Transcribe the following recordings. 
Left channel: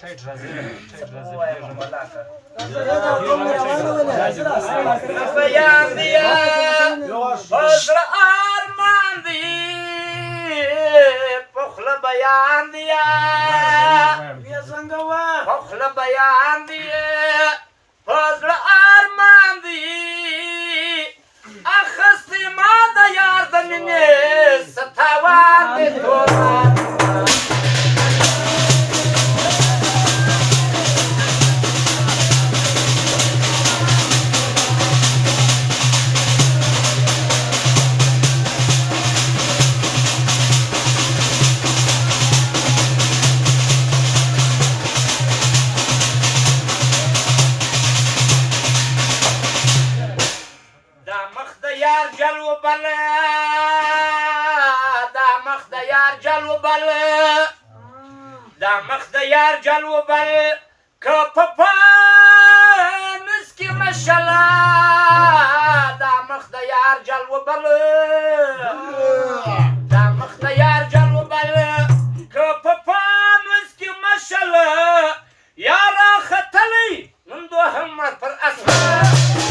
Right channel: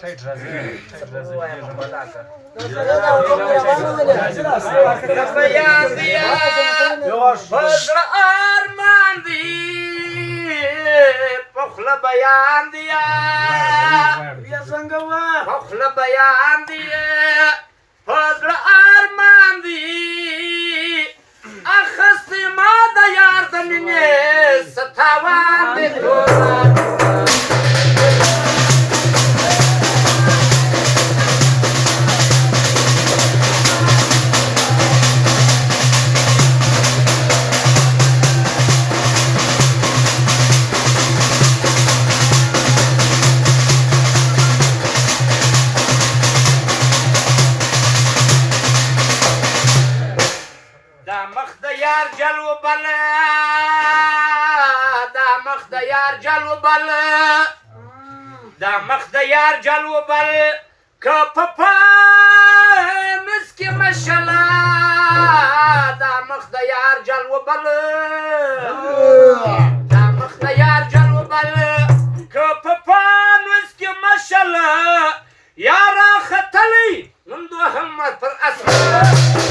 ټایټ راځي ټایټ راځي ارمان دی پخله بیان دیا پخله بیان دی فضل ارمان دی اخستی ما د یار د مینې ستاوان دی دا مخ د یار جلو بل که په پانس کې مشله دا مخ د یار جلو بل دا مخ د یار جلو بل که په پانس کې مشله یارا ختلی نن دوهم پر اسمان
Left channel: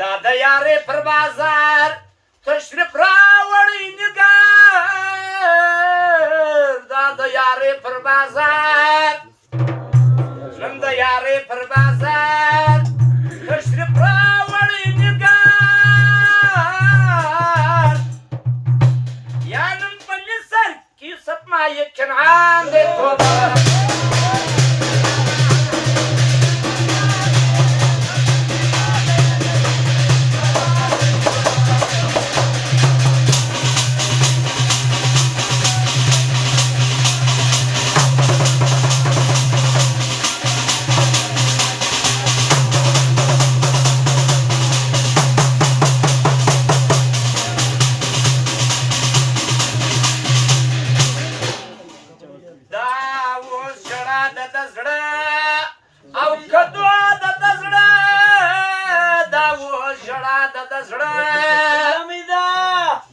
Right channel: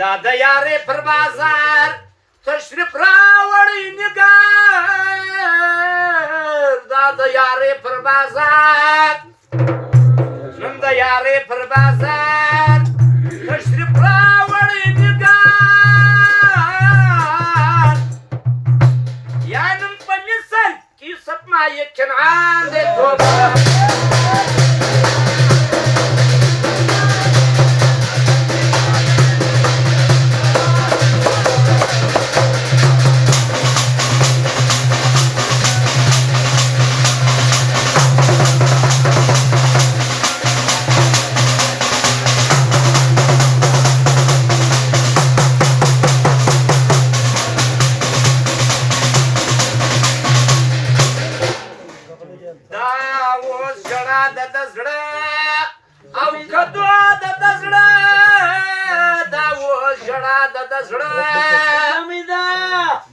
دا د یارې پر بازار تشریف راوړی نګار دا د یارې پر بازار نن د یارې پر بازار تشریف راوړی نګار یا نن په مصر کې ستمایه کنعان دی توبه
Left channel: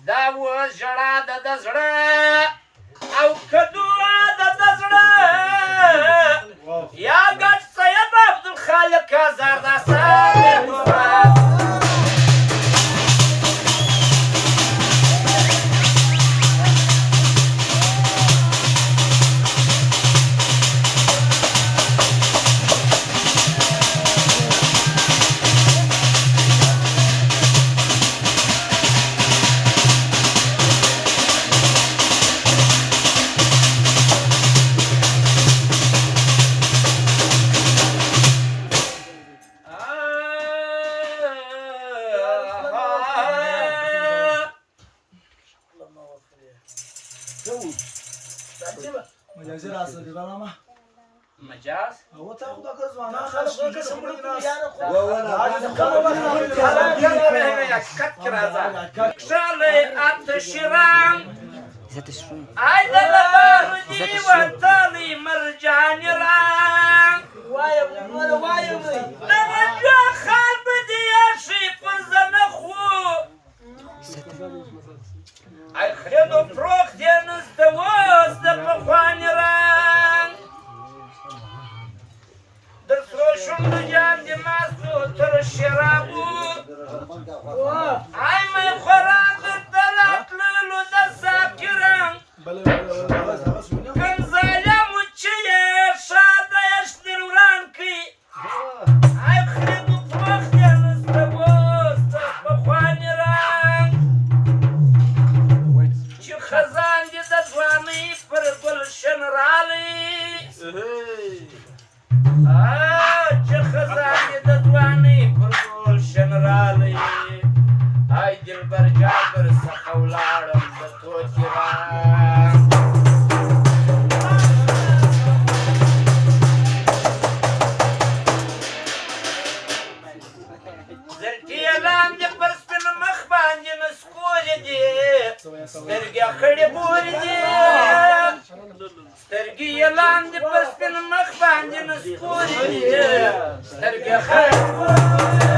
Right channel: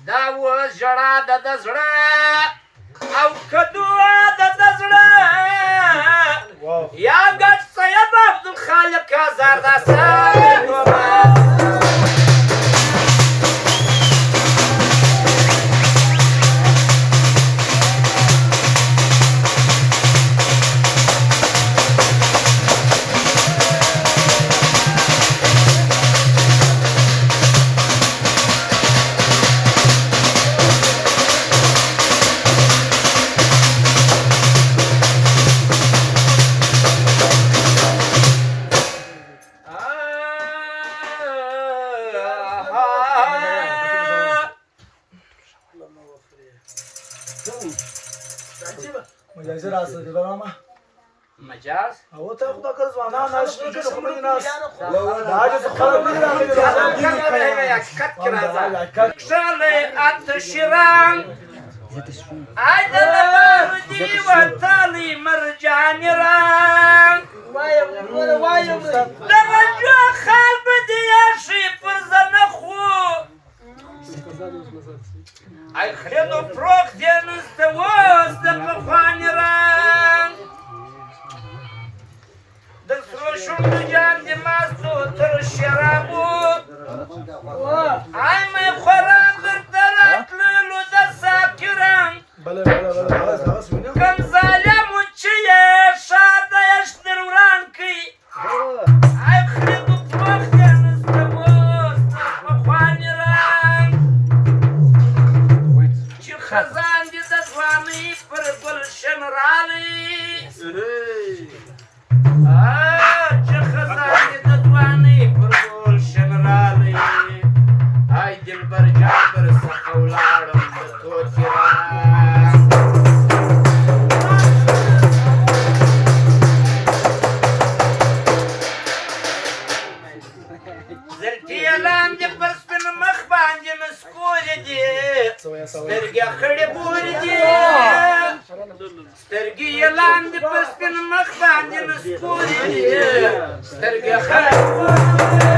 دا و ژړا د زړه او کدو د زړه یا ګټ سید عبدالخالق آزار دا ساري توبه مجازي راسه دي بابا مجاز هو تاخد كذا انا ناس كده خبرني ناس لا عايز تخرجني انا شالي انت شيران عيد البار دي وطالي مرجان ران وايا لرجع خال بدي يشي فرزنخو اي خلينو بروك دينس دواز دفخواني ران دسرو شنو جان دي ماستو تر الشرابو اي ما يخوران درترات لولو دساكران كم ظالم وچيه شاده يشتر ورانكي اي خلينو بروك دينس دواز دفخواني ران خزان دي د ځوانۍ پر ګلشن رالي چې خزان دي د ځوانۍ پر ګلشن رالي ای دلبر جابر څخه سکورې دي سترګې خړې بورې دي سترګې یې لاندې په سپین مخ باندې نسکورې دي سترګې خړې بورې دي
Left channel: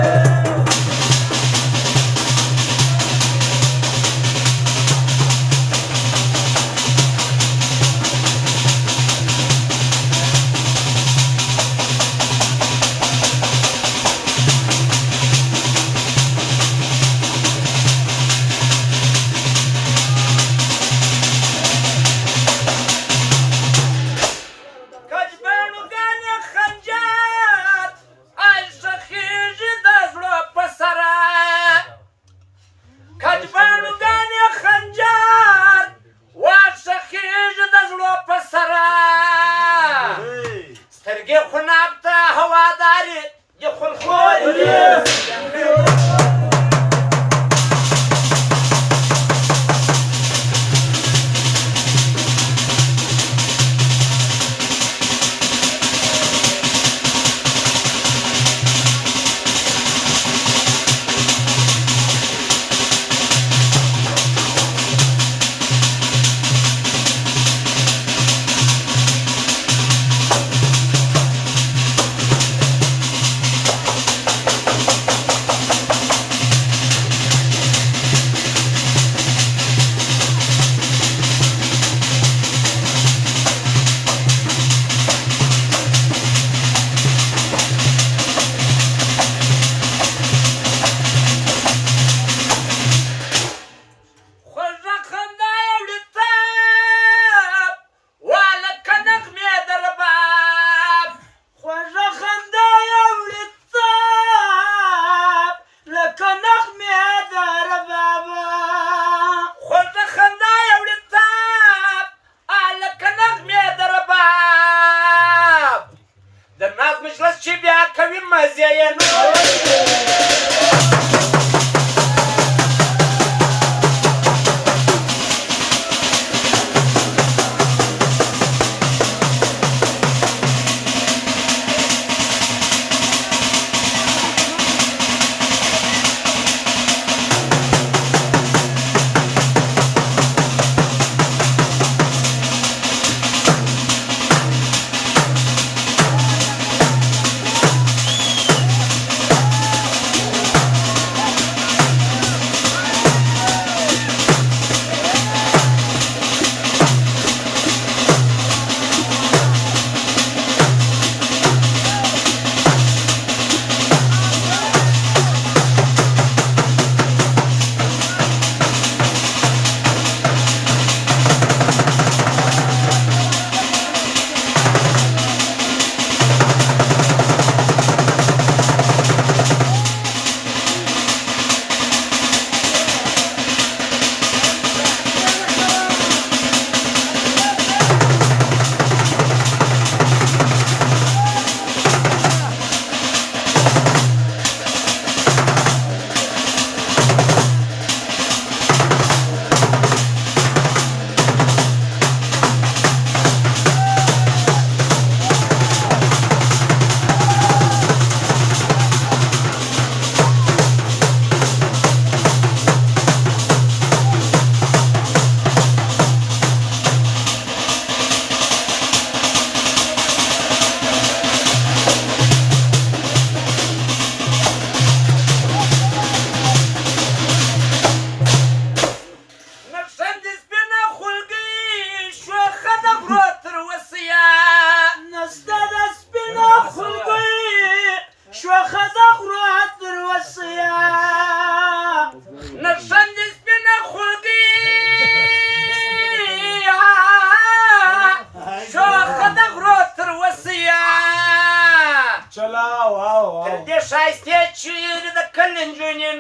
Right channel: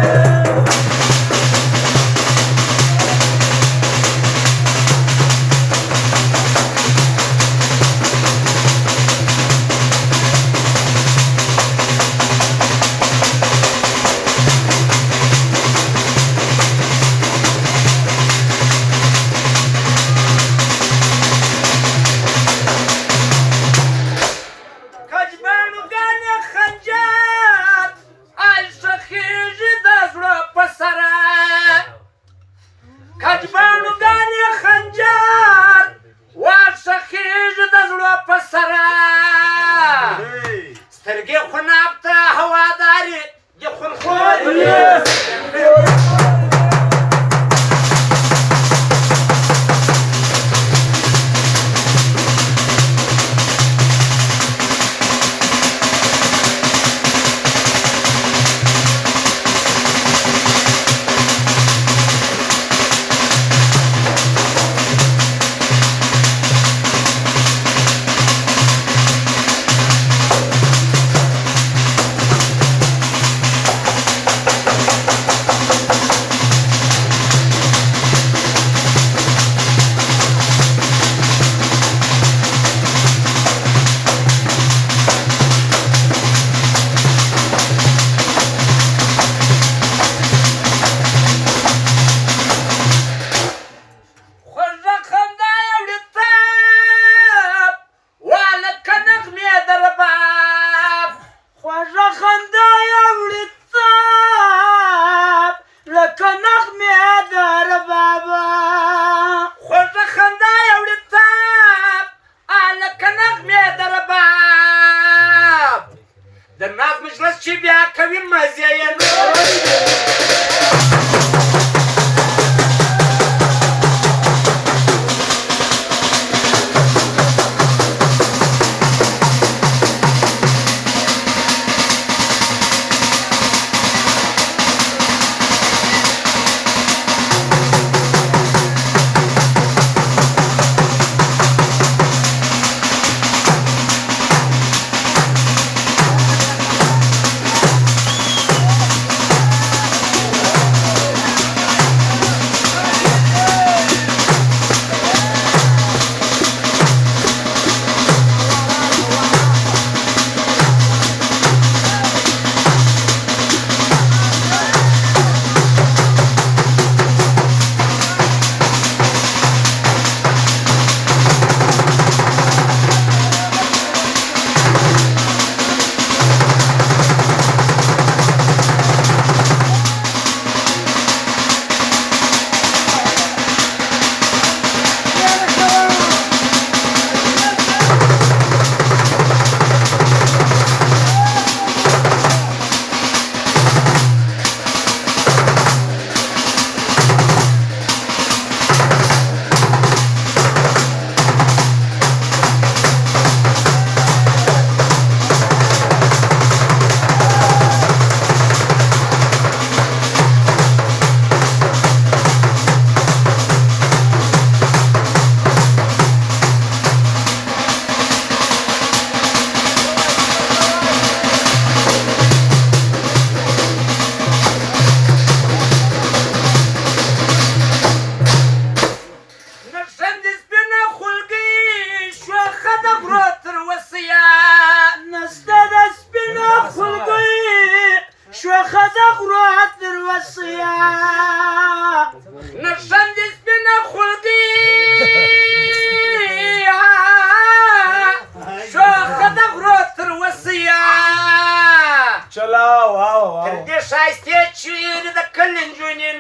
سترګې خناب ته هوادارې د خونخوارې د ناز مجلس چې بیا کوي مزې یې ښایستې چیرې د کلي نجونې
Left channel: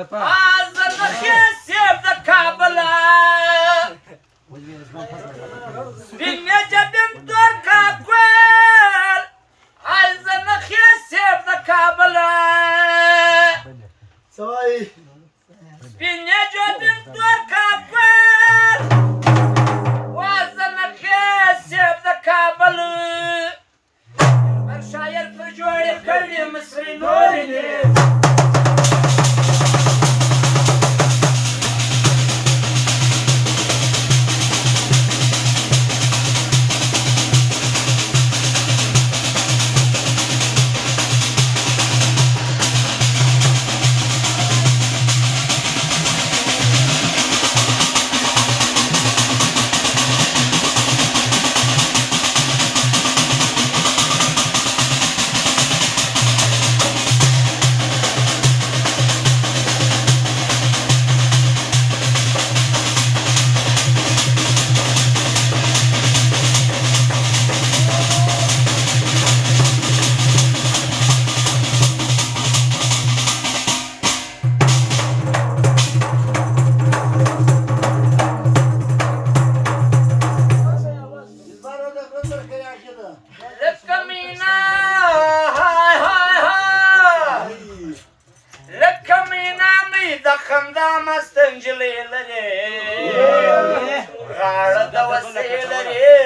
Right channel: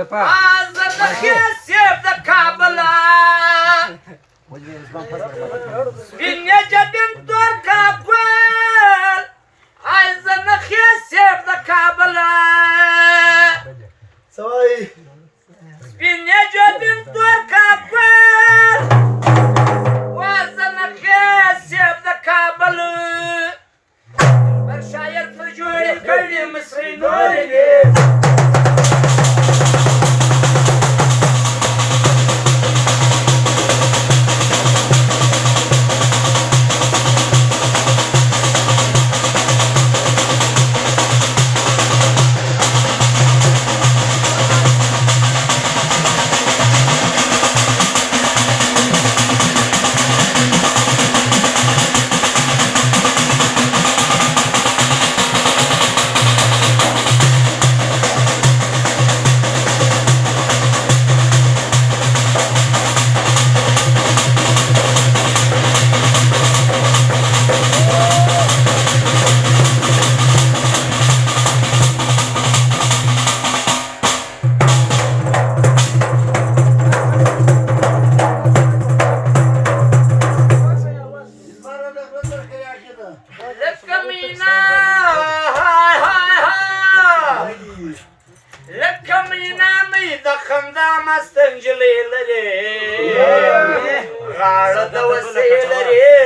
از نخې سیب د کابله سپینې جبین تور کابل از نخې سیب د کابله سوای سپینې جبین تور کابل از نخې سیب د کابل پر شاعر پر جوړې کړي مصري نورې خندا مست نجلۍ لري غاړه د وسې لري